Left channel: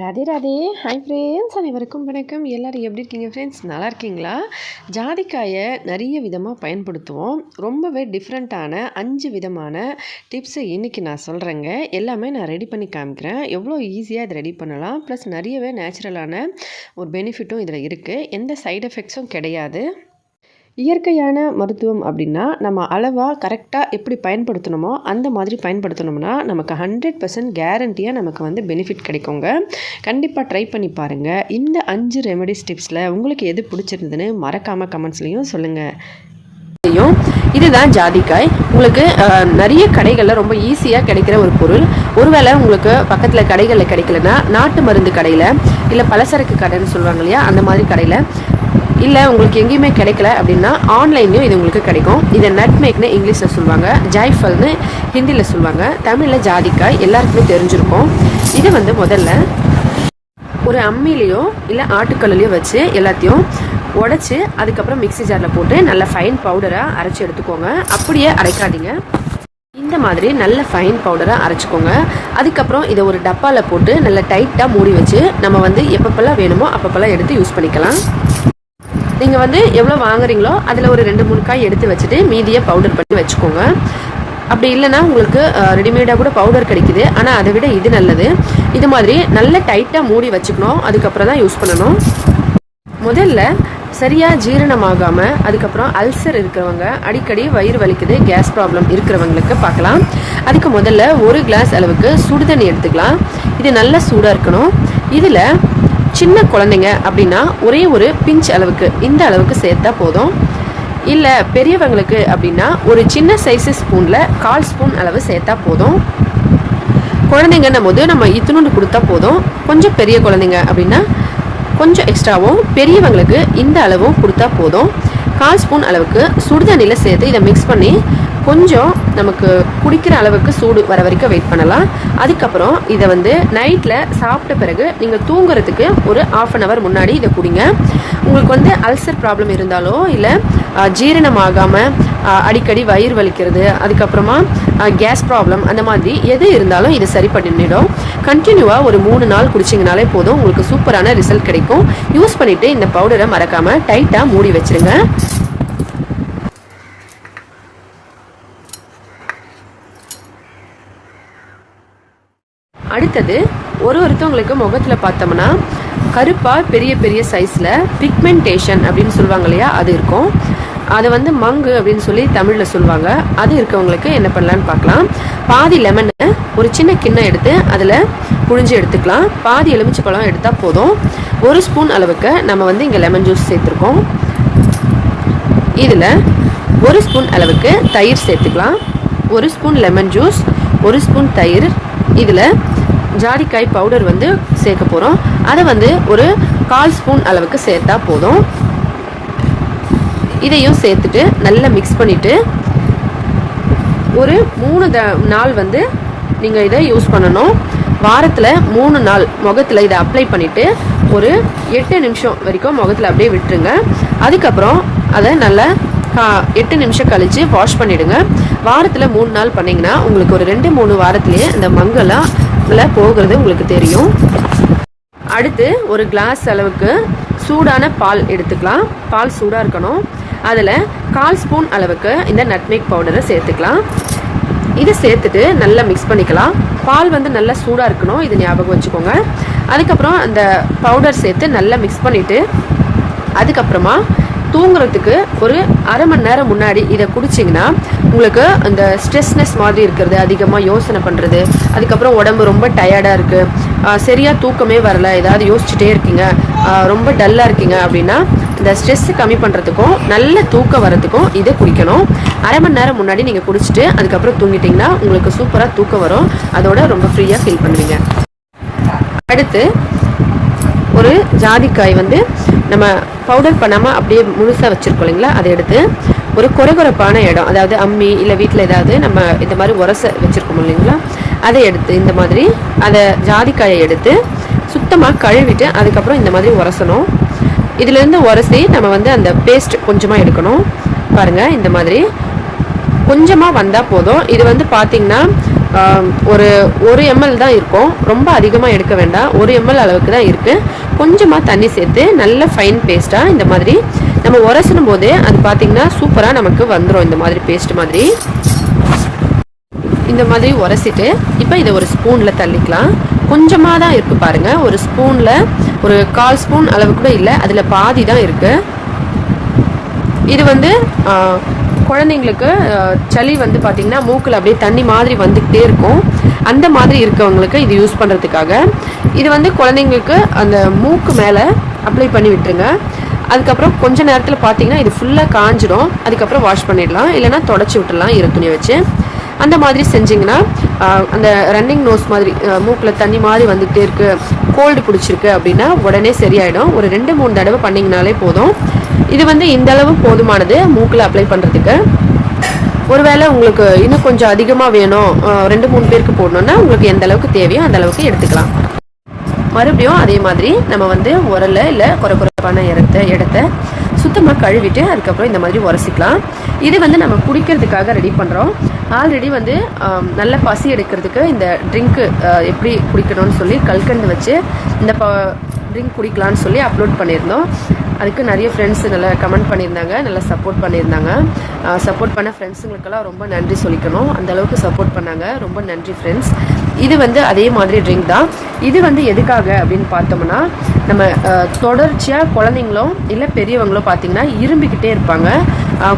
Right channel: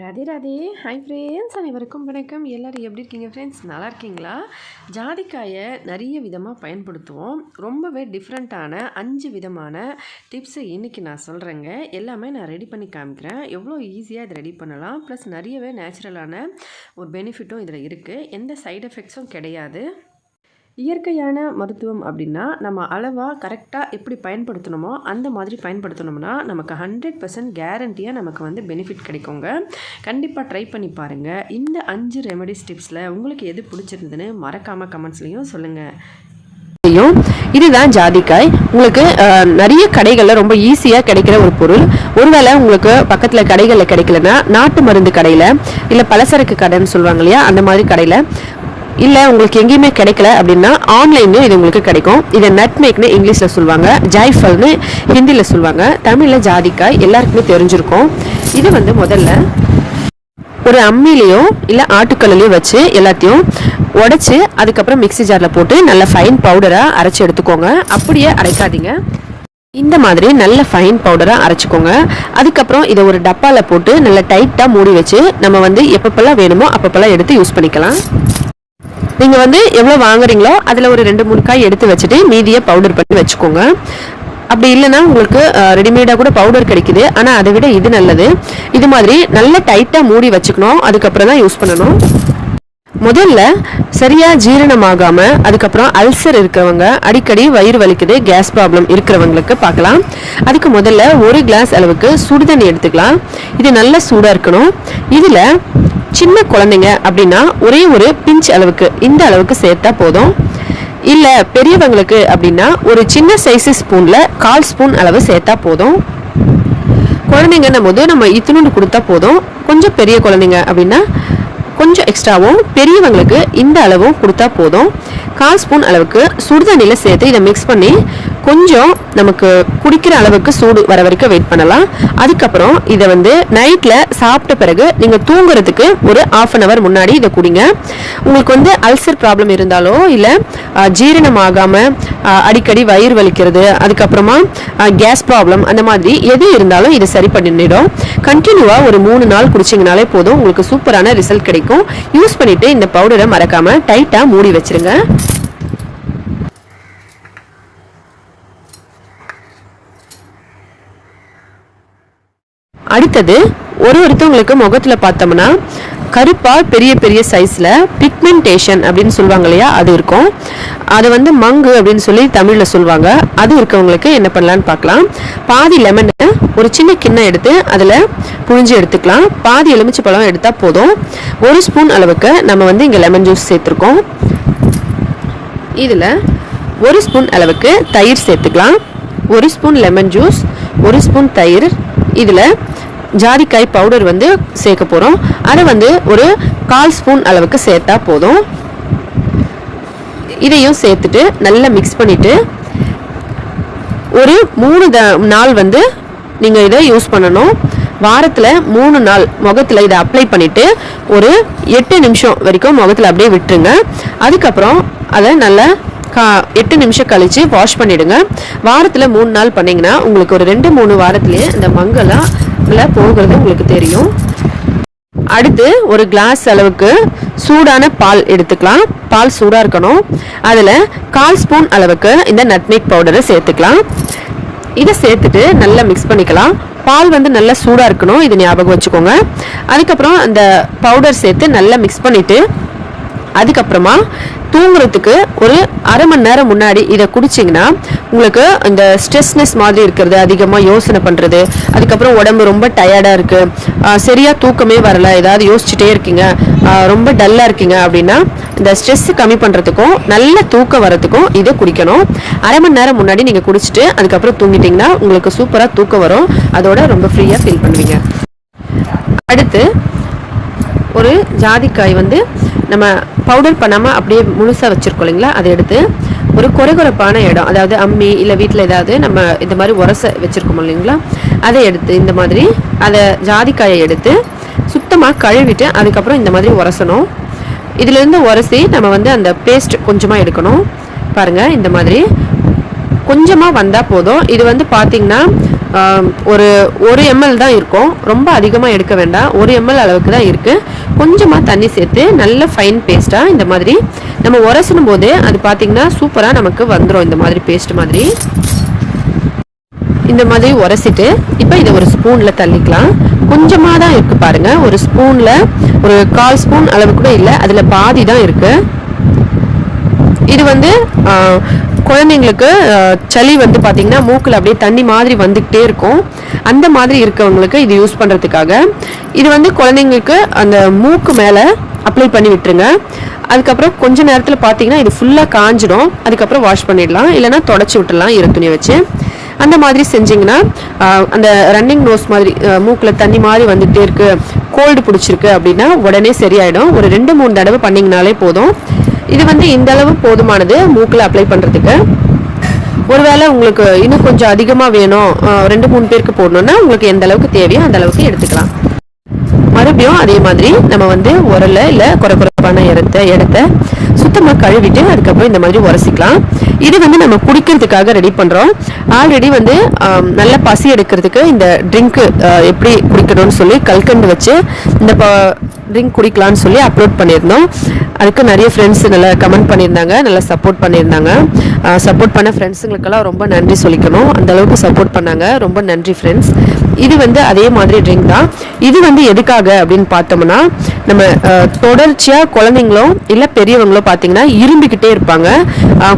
Radhe Radhe. Hi friends, அனைவருக்கும் வணக்கம். எல்லோரும் எப்படி இருக்கீங்க ஃப்ரெண்ட்ஸ்? நல்லா இருக்கீங்களா? ஜாதிக்காயை நிறைய விதமாக பயன்படுத்துவோம். ரொம்பவே டிஃப்ரெண்ட்டான 5 விதமான டிப்ஸை இன்றைக்கி நான் சொல்கிறேங்க. எல்லாமே நான் ரெடி பண்ணி காமிக்கிறேன். எவ்வளோ ஈஸியாக இதை ரெடி பண்ணலாம். ப்ளஸ் நிறையவே நேச்சுரலான ஒரு பெனிஃபிட்டும் இதில் இருக்குது. எந்த சைடு எஃபெக்ட்ஸும் கிடையாது. இயற்கையான மருத்துவம் அப்படின்னா நம்ம அளவாக கரெக்டாக எப்படி பயன்படுத்தணுமோ அந்த மாதிரி பயன்படுத்தணும்னா நமக்கு 100% கேரண்டியாக நமக்கு பெனிஃபிட் கிடைக்குங்க. கண்டிப்பாக ட்ரை பண்ணி பாருங்கள். இந்த 5 ரெமெடிஸ் டிப்ஸில் உங்களுக்கு எது பிடிச்சிருந்ததுன்னு மறக்காமல் கமெண்ட்ஸ்லேயும் சொல்லுங்கள். இதுதான் ஜாதிக்காய். உங்களுக்கு நிறைய கடைகளில் ரொம்ப ஈஸியாக கிடைக்கிற ஒரு பொருள். ஒருவேளை உங்களுக்கு பக்கத்தில் கடைகளில் கிடைக்கலன்னா நாட்டு மருந்து கடையில் இல்லை பலசரக்கு கடைன்னு சொல்லுவாங்க இல்லையா, அந்த மாதிரி கடையில் இல்லை உங்களுக்கு எங்கேயுமே கிடைக்கல அப்படின்னா ஆன்லைன்லேயும் இது உங்களுக்கு கிடைக்கும். இதை நட்மேக்னு இங்கிலீஷில் சொல்லுவாங்க, ஜாய்ஃபல்னு ஹிந்தியில் சொல்லுவாங்க, தமிழில் ஜாதிக்காய் எல்லாருக்குமே தெரிஞ்சிருக்கும். இது முதல்ல ஒரு அம்மிலையோ இல்லை ஆட்டுக்கல்லையோ வச்சு எல்லாத்தையும் உடச்சி அதுக்கப்புறம் மிக்சி ஜாரில் போட்டு நல்ல ஃபைன் பவுடராக அரைச்சி எடுத்துக்கோங்க. அப்படியே அரைக்காதீங்க, இந்த மாதிரி நல்ல ஃபைன் பவுடராக அரைச்சிக்கோங்க. அதுக்கப்புறம் இதை ஒரு டப்பாவில் போட்டு நல்லா டைட்டாக மூடி வச்சு நம்ம எப்பப்பெல்லாம் வேணுமோ அப்பப்பெல்லாம் எடுத்து யூஸ் பண்ணிக்கலாம். நீங்கள் எவ்வளோ வாங்குறீங்களோ அதில் ஒரு 2-3 காய் எடுத்து வச்சுட்டு மீதியை பவுடர் பண்ணி வச்சுக்கோங்க. அப்படி இல்லைன்னா உங்களுக்கு ரெடிமேடாக கூட பவுடர் கிடைக்குது, ஆனால் அதை விட இது நல்லது. இது மாதிரி நல்லா டைட்டாக மூடி வச்சுக்கணும், அதுக்கப்புறம் தான் யூஸ் பண்ணணும். முதல்ல சரியாக ஜீரணமாகாமல் அதுக்கப்புறம் அல்சர் இருக்கிறவங்க, அடிக்கடி வயிறு வலிக்குது, கேஸ் ப்ராப்ளம் இருக்கிறவங்களுக்கு பார்க்கலாம். அதுக்கு முதல்ல 1 கிளாஸ் அளவுக்கு சுடுதண்ணி எடுத்துக்கலாம். இது நல்லா சூடாக இருக்கணும். இதில் சின்ன குழந்தைங்க அப்படின்னா ஒரே ஒரு பிஞ்ச் அளவுக்கு, இந்த அளவுக்கு சேர்த்தா போதும். இல்லை பெரியவங்களுக்கு அப்படின்னா ஒரு சின்ன சைஸு ஸ்பூனில் 1/4 ஸ்பூன் அளவு சேர்த்தா போதும். குழந்தைங்கன்னும் போது நம்ம இத்தினோண்டு கொடுத்தா போதும். கொஞ்சம் பெரிய குழந்தைங்க அப்படின்னா கொஞ்சம் எக்ஸ்ட்ராவும், பெரியவங்களுக்கு இந்த அளவும் கொடுத்தா போதும். 1/4 ஸ்பூன் அளவுக்கு சுடுதண்ணியில் சேர்த்து இதை மிக்ஸ் பண்ணி கொஞ்சம் நமக்கு குடிக்கிற அளவுக்கு சூடு வர வரைக்கும் வெயிட் பண்ணலாம். அதுக்கப்புறம் இதை நைட்டில் சாப்பிட்ட பிறகு நீங்கள் தூங்குறதுக்கு ஒரு 1/2 hour முன்னாடி இதை குடிங்க. உங்களுக்கு அல்சர் ப்ராப்ளம் இருந்தாலோ இல்லை ஜீரணம் ஆகாமல் அடிக்கடி வயிறு வலிக்கிறது, அதுக்கப்புறமா கேஸ் ப்ராப்ளம், அந்த மாதிரி எது இருந்தாலும் இது சரி பண்ணிடும். கண்டினியூவாக ஒரு 3 நாள் குடிச்சிங்கனாலே போதும், உங்களுக்கு சூப்பரான ரிசல்ட் கிடைக்கும். யூஸ் பண்ணிவிட்டு இந்த பவுடரை மறக்காமல் டைட்டாக மூடி வச்சுருங்க. அடுத்தது ஒருத்தவங்களுக்கு முகத்தில் பார்த்தோம்னா கருப்பாக பெரிய பெரிய சைஸில் பிக்மெண்டேஷன் அப்படின்னு சொல்லுவாங்க இல்லையா, அது இருக்கும். அதை மங்கு அப்படின்னு சொல்லி தமிழில் சொல்லுவாங்க. அது இருக்கவங்களுக்கு என்ன பண்ணலான்னு பார்க்கலாம். பாதி லெமனை ஒரு சின்ன கிண்ணம் எடுத்து அதில் புழிஞ்சு எடுத்துக்கலாம். பாதி எலுமிச்சை பழம் எடுத்தால் போதும். 1 ஸ்பூன் அளவுக்கு நம்ம இங்கே லெமன் ஜூஸ் சேர்த்துருக்கோம். இதில் 1 ஸ்பூன் அளவுக்கு தயிர் சேர்த்துக்கலாம். 1 ஸ்பூன் லெமன் ஜூஸ், 1 ஸ்பூன் தயிர், இதில் ஜாதிக்காய் பவுடர் சேர்க்க போகிறோம். அதை ஒரு 1/4 ஸ்பூன் அளவுக்கு சேர்த்தா போதும். இதையும் சேர்த்துட்டு நல்லா மிக்ஸ் பண்ணிவிட்டு ஒரு 3 நாள் நீங்கள் இதை யூஸ் பண்ணணும். வாரத்தில் 3 நாள் முகத்தில் இதை அப்ளை பண்ணிவிட்டு ஒரு 8 நிமிஷம் வரைக்கும் முகத்தில் அப்படியே விட்டுருங்க. அதுக்கப்புறம் அதை நல்லா 8 நிமிஷம் கழித்து வாஷ் பண்ணிவிடுங்க. வாரத்தில் 3 நாள் பண்ணிங்கன்னா உங்களுக்கு ஒரு 2-3 வாரத்துலேயே இந்த மங்கெல்லாம் நல்லா போகிறது உங்களுக்கு தெரியும். அடுத்து ஒரு கிளாஸ் அளவுக்கு சூடான பால் எடுத்துக்கலாம். பால் சூடாக இருக்கணும். அதில் 1/4 ஸ்பூன் அளவுக்கு இந்த நட்மேக் பவுடரை சேர்த்துக்கலாம். இதை சேர்த்துட்டு நல்லா மிக்ஸ் பண்ணிக்கலாம். பால் நல்லா சூடாக இருக்கணும், இது ஞாபகம் வச்சுக்கோங்க. அதுக்கப்புறம் இந்த பவுடர் சேர்த்து நல்லா மிக்ஸ் பண்ணிவிட்டு அதுக்கப்புறமா தூங்குறதுக்கு ஒரு 1/2 மணி நேரம் முன்னாடி இதை குடிச்சிங்கன்னா உங்களுக்கு இந்த ஸ்ட்ரெஸ்னஸ் மாதிரி இருக்கிறது, அதிகமாக யோசனை பண்ணுறது, அதுக்கப்புறம் உடம்பு ரொம்ப டயர்டாக இருக்குது, சரியாக தூக்கமே வரல, ஏதாவது யோசிச்சுட்டே இருக்கீங்க, ரொம்ப டல்லாக இருக்கீங்க அப்படின்னா இந்த ஸ்ட்ரெஸ் கம்மி பண்ணுறதுக்கும் நல்ல தூக்கம் வரதுக்கும் இதை குடிக்கணும். 1/2 மணி நேரம் முன்னாடி நீங்கள் குடிச்சிட்டு அதுக்கப்புறம் தூங்கிட்டிங்கன்னா உங்களுக்கு சூப்பராக தூக்கம் வரும். அதோட ரொம்ப ஃப்ரீயாக ஃபீல் பண்ணுவீங்க. அடுத்து ஒரு ஜாதிக்காய் நம்ம பவுடர் பண்ணாமல் அப்படியே முழுசாக வச்சுருக்கோம் இல்லைங்களா, அதை எடுத்து ஒரு கொரகொரப்பான இடம், அதாவது அம்மி இல்லை வீட்டில் ஏதாவது நம்ம இந்த மாதிரி உரச வச்சுருக்கோம் இல்லைங்களா, அதை எடுத்து இந்த மாதிரி அதை ஜாதிக்காயை எடுத்து சுத்தமாக கழுவிட்டு அதுக்கப்புறம் இந்த மாதிரி உரசணும். இதிலேருந்து உரசி நம்ம அந்த பேஸ்ட் கொஞ்சமாக எடுக்கணும். பாருங்கள், இந்த மாதிரி கொஞ்சமாக வந்தால் போதும். இது பார்த்திங்கன்னா ஒரு 1 ml தான் இருக்கும், ரொம்ப அதிகமாக எடுக்க வேண்டாம். 1 ml அளவுக்கு தான் இருக்குது. கொஞ்சமாக தண்ணி சேர்த்து நல்ல ஃபைன் பேஸ்ட்டாக இந்த மாதிரி நம்ம உரசணும் போது அது பார்த்திங்கன்னா சூப்பராக நமக்கு வந்துடும். இந்த மாதிரி பேஸ்ட் மாதிரி இந்த மாதிரி உரசிட்டு இப்போ இதை ஒரு ஸ்பூனில் தள்ளிக்கலாம். கொஞ்சமாக தான் இருக்குது பாருங்கள், ஒரு ஸ்பூனில் ஒரு 1/4 ஸ்பூன் அளவு கூட இல்லை, அதில் பாதி தான் இருக்குது. இது வந்து குழந்தைங்களுக்கு சளி வந்து பார்த்திங்கன்னா மூக்கில் அப்படியே தண்ணி மாதிரி வந்துக்கிட்டே இருக்கும். அந்த மாதிரி இருக்கவங்களுக்கு இது யூஸ் பண்ணுறதுக்காக இது வந்து குழந்தைங்களுக்கு அந்த மூக்கு மேலே அப்ளை பண்ணி விட்டுருங்க. அதுக்கப்புறம் கொஞ்ச நேரத்தில் பார்த்தீங்கன்னா இது ஃபுல்லாக காஞ்சிடும். அதுக்கப்புறம் வாஷ் பண்ணிடலாம், இல்லைனா தொடச்சி விட்டுடலாம் ஈர துணியை வச்சு. அந்த மாதிரி செஞ்சிங்கன்னா அந்த ரன்னிங் நோஸ் மாதிரி மூக்கில் தண்ணி மாதிரி வந்துகிட்டே இருக்குது, கோல்டு பிடிச்சிருக்கு அப்படின்னா உடனே சரியாயிடும். ஒரு 2-3 தடவை பண்ணிங்கனாலே போதும். இது வந்து இந்த அளவு போதுமானது மூக்கில் அப்ளை பண்ணுறதுக்கு. ஒருவேளை உங்களுக்கு இன்னும் கொஞ்சம் அதிகமாக வேணும், 2-3 பேருக்கு போடணுன்னா உங்களுக்கு எந்த அளவுக்கு தேவையோ அந்த அளவுக்கு எடுத்துக்கலாம். மறுபடியும் அதே மாதிரி நம்ம வந்து உரலை இல்லை குறைப்பான இடத்த சுத்தமாக கழுவிட்டு அதுக்கப்புறம் இந்த மாதிரி உரசிக்கலாம். இது வந்து நம்ம குடிக்கிறதுக்காக ரெடி பண்ணுறோம். ஆல்ரெடி வந்து நல்ல பசி எடுக்கிறதுக்கு இந்த ட்ரிங்க்கு எப்படி குடிக்கணும்னு சொல்லி கல்கண்டு வச்சு இந்த ட்ரிங்க் குடிக்கலான்னு சொல்லி அப்லோட் பண்ணியிருந்தோம். அதுக்கு நிறைய ஃப்ரெண்ட்ஸ் நல்லா கமெண்ட் பண்ணியிருந்தாங்க, நல்லா சப்போர்ட் பண்ணியிருந்தாங்க. சப்போர்ட் பண்ண ஃப்ரெண்ட்ஸுங்களுக்கெல்லாம் ரொம்ப நன்றி சொல்லிக்கணும், அந்தளவுக்கு சப்போர்ட் பண்ணாங்க. ரொம்ப நன்றி ஃப்ரெண்ட்ஸ். இது வந்து அதே மாதிரி ட்ரிங்க் தான். இது வந்து எதுக்காக அப்படின்னு பார்த்தோம்னா, நம்ம தொடர்ச்சியாக குழந்தைங்களும் இல்லை பெரியவங்களும் பார்த்தீங்கன்னா இரும்பிக்கிட்டே இருப்பாங்க.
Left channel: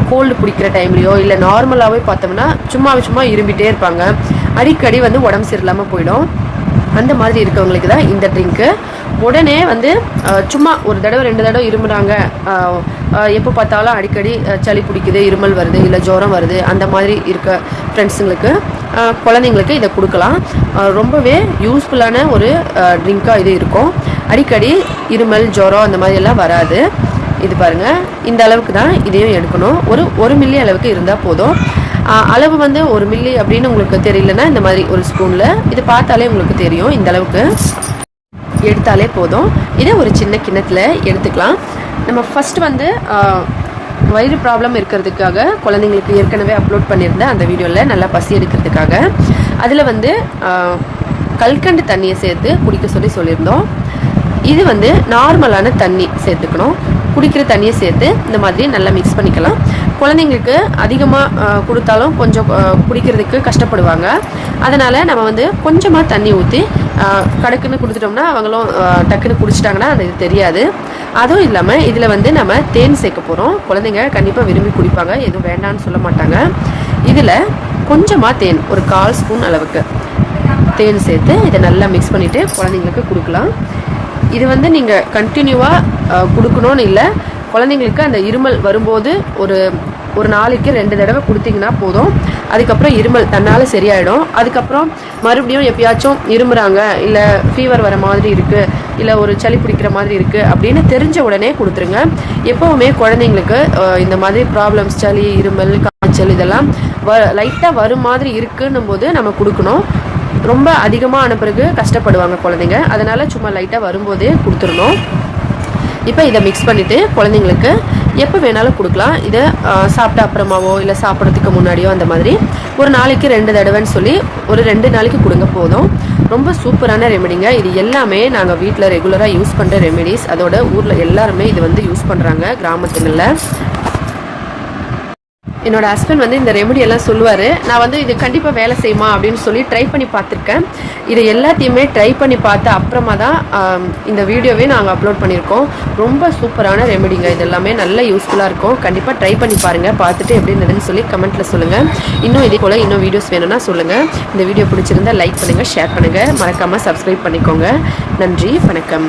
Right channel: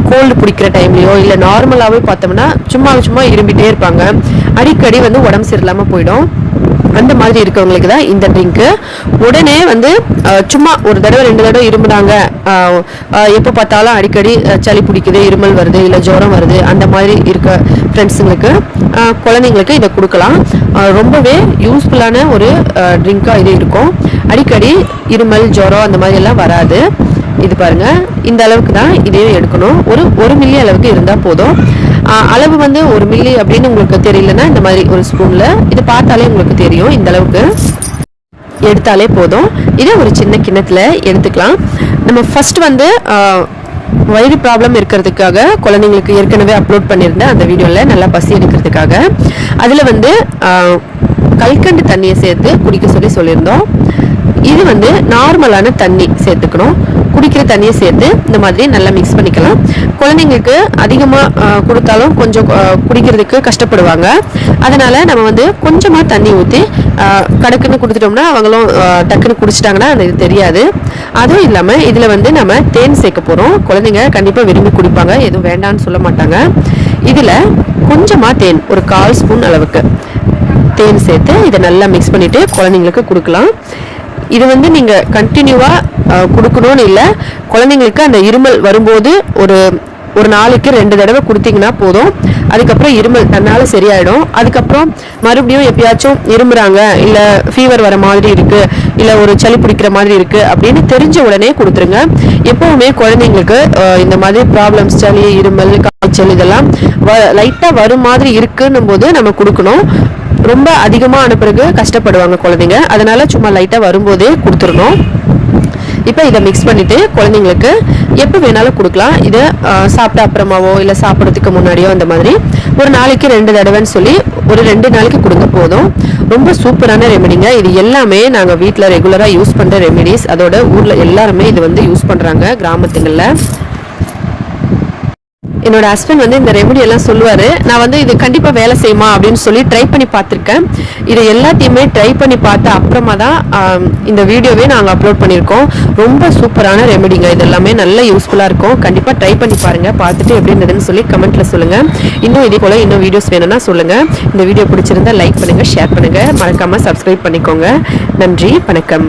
கோல்டு பிடிக்கிற டைம்லையோ இல்லை நார்மலாகவே பார்த்தோம்னா சும்மா இரும்பிகிட்டே இருப்பாங்க. அடிக்கடி வந்து உடம்பு சரியில்லாமல் போயிடும். அந்த மாதிரி இருக்கவங்களுக்கு தான் இந்த ட்ரிங்க்கு. உடனே வந்து சும்மா ஒரு தடவை 2 தடவை இருமுனாங்க, எப்போ பார்த்தாலும் அடிக்கடி சளி பிடிக்குது, இருமல் வருது, இல்லை ஜுரம் வருது, அந்த மாதிரி இருக்க ஃப்ரெண்ட்ஸுங்களுக்கு குழந்தைங்களுக்கு இதை கொடுக்கலாம். ரொம்பவே யூஸ்ஃபுல்லான ஒரு ட்ரிங்காக இது இருக்கும். அடிக்கடி இருமல் ஜுரம் அந்த மாதிரி எல்லாம் வராது. இது பாருங்கள், இந்த அளவுக்கு தான் இதையும் எடுக்கணும். ஒரு 1 மில்லி அளவுக்கு இருந்தால் போதும். அளவு வந்து 1 மில்லி அப்படின்னு உங்களுக்கு தெரியலன்னா இந்த மாதிரி ஒரு ஸ்பூனில் இது பார்த்தாலே உங்களுக்கு தெரியும். இந்த அளவுக்கு எடுத்தாலே போதும். இதை ஒரு சின்ன கிண்ணத்தில் எடுத்துக்கலாம். நம்ம ஃபர்ஸ்ட் வந்து வயிறு ப்ராப்ளம் இருக்கிறதுக்காக குழந்தைங்களுக்கு ஏற்கனவே அப்லோட் பண்ணியிருந்தேன் அந்த வீடியோவில், நல்லா பசி எடுக்கிறதுக்காக. அதில் வந்து கல்கண்டு தண்ணியை சேர்த்து குடிக்க சொல்லியிருந்தோம். இது வந்து நார்மலான தண்ணி சேர்த்துக்கணும். குடிக்கிற தண்ணியை சேர்த்து இந்த மாதிரி நல்லா மிக்ஸ் பண்ணிக்கலாம். குழந்தைங்களுக்கு அதிகமாக கொடுத்தாலும் கொஞ்சம் குடிக்கிறதுக்கு கஷ்டப்படுவாங்க. அதனால் நம்ம வந்து கொஞ்சமாக தண்ணி ஊற்றி கடக்குன்னு கொடுத்துட்டோம்னா அவங்களும் டக்குன்னு குடிச்சிட்டாங்கன்னா அது தெரியாது. அதுவும் இல்லாமல் இதில் வந்து நம்ம தேன் சேர்க்க போகிறோம். குழந்தைங்க கண்டிப்பாக விரும்பி குடிப்பாங்க, எதுவும் வேண்டான்னு சொல்ல மாட்டாங்க. இதில் கொஞ்சமாக தேன், ஒரு 1/4 ஸ்பூன் அளவுக்கு தேன் சேர்த்து இதை நல்லா மிக்ஸ் பண்ணிவிட்டு குழந்தைங்களுக்கு கொடுக்கலாம். இது வந்து நீங்கள் கண்டினியூவாக கொடுக்கணும்னு இல்லை, குழந்தைங்களுக்கு அந்த இருமல் வரும்போது ஒரு நாளைக்கு 2 தடவை கொடுத்தீங்கன்னா போதும். அதுக்கப்புறம் இருமல் தன்னால் சரியாயிடும். அதுக்கப்புறம் மறுபடியும் எப்பயாச்சும் இருமுறாங்க, இல்லை ஃபீவர் வர மாதிரி இருக்குது, இல்லை ஒரு சளி பிடிக்கிற மாதிரி இருக்குது அப்படின்னு தெரிஞ்ச உடனே கொடுத்துருங்க. எப்போவுமே குழந்தைங்களுக்கு இந்த மாதிரி ப்ராப்ளம்ஸ், சளி, இருமல், காய்ச்சல் இதெல்லாம் லைட்டாக வரும் மாதிரி இருக்குன்னும் போது நம்ம கொடுக்கணும். ரொம்ப அதிகமாக பிறகு கஷ்டப்படுவாங்க குழந்தைங்க, அதனால சும்மா லைட்டாக வரும்போதே கொடுத்துடணும். இப்போ இதை மிக்ஸ் பண்ணிவிட்டு குழந்தைங்களுக்கு எப்போ வேணாலும் கொடுக்கலாம். இதை சாப்பிட்ட அப்புறமாவோ இல்லை சாப்பிட்றதுக்கு முன்னாடியோ அந்த மாதிரி ஒரு நாளைக்கு 2 தடவைன்னு சொல்லி ஒரு 2 நாளைக்கு கொடுங்க போதும். ரொம்ப சூப்பரான ரெமெடிங்க. இது எல்லாமே நாங்கள் வீட்டில் ரெகுலராக யூஸ் பண்ணுற ரெமெடிஸ். அதோட ஊரில் எல்லாருமே இது வந்து யூஸ் பண்ணுறாங்க கிராமத்துங்களில். என்னோட ஹஸ்பண்ட் வந்து இந்த ரெமெடி எல்லாம் சொல்லுவார். நான் வந்து இது கண்டிப்பாக வேலை செய்யுமா அப்படின்னு சொல்லி ட்ரை பண்ணி பார்த்துருக்கேன். இதை எல்லாத்தையுமே ட்ரை பண்ணி பார்த்த அப்புறமா தான் இந்த வீடியோவே நாங்கள் அப்லோட் பண்ணியிருக்கோம். ரொம்ப சூப்பரான ரெமெடிங்க. இது எல்லாமே நல்ல யூஸ்ஃபுல்லாக இருக்கும். கண்டிப்பாக ட்ரை பண்ணி பாருங்கள். பார்த்துட்டு எப்படி இருந்ததுன்னு சொல்லி கமெண்ட்டில் சொல்லுங்கள். இன்னும் இதே போல் இன்னும் வீடியோஸ் வேணும்னா சொல்லுங்கள். இந்த வீடியோ பிடிச்சிருந்தா லைக் பண்ணுங்கள், ஷேர் பண்ணுங்கள், மறக்காமல் சப்ஸ்கிரைப் பண்ணிக்கோங்க. நன்றி, வணக்கம்.